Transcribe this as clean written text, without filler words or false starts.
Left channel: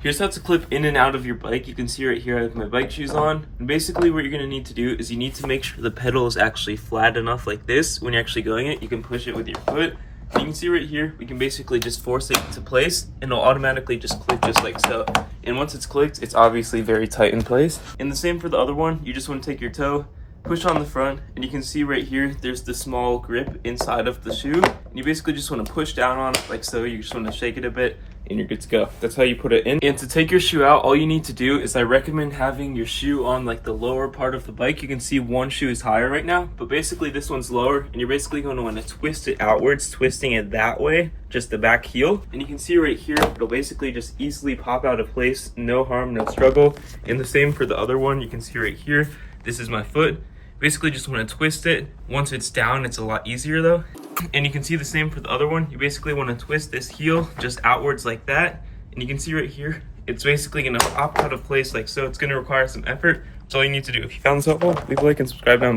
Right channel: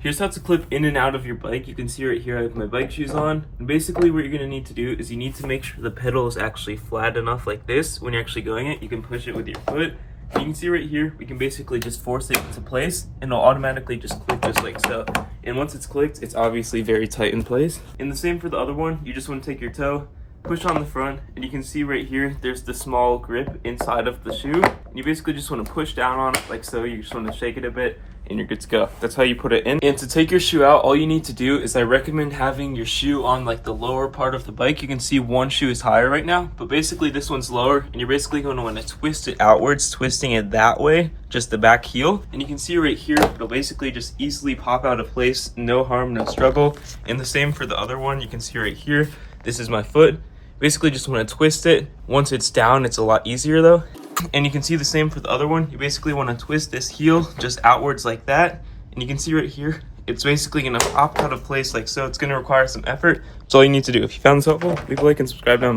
Here's how to clip in and out of your bike. You can see right here I have my bike shoes on. And basically what you're gonna need to do is you need to make sure the pedal is actually flat enough like this. When you're actually going it, you can push it with your foot. And you can see right here, we can basically just force it into place and it'll automatically just click just like so. And once it's clicked, it's obviously very tight in place. And the same for the other one. You just wanna take your toe, push on the front, and you can see right here, there's the small grip inside of the shoe. And you basically just wanna push down on it like so. You just wanna shake it a bit and you're good to go. That's how you put it in. And to take your shoe out, all you need to do is I recommend having your shoe on like the lower part of the bike. You can see one shoe is higher right now, but basically this one's lower, and you're basically going to want to twist it outwards, twisting it that way, just the back heel. And you can see right here, it'll basically just easily pop out of place, no harm, no struggle. And the same for the other one. You can see right here, this is my foot. Basically just want to twist it. Once it's down, it's a lot easier though. And you can see the same for the other one. You basically want to twist this heel just outwards like that. And you can see right here, it's basically going to pop out of place like so. It's going to require some effort. That's all you need to do. If you found this helpful, leave a like and subscribe down below.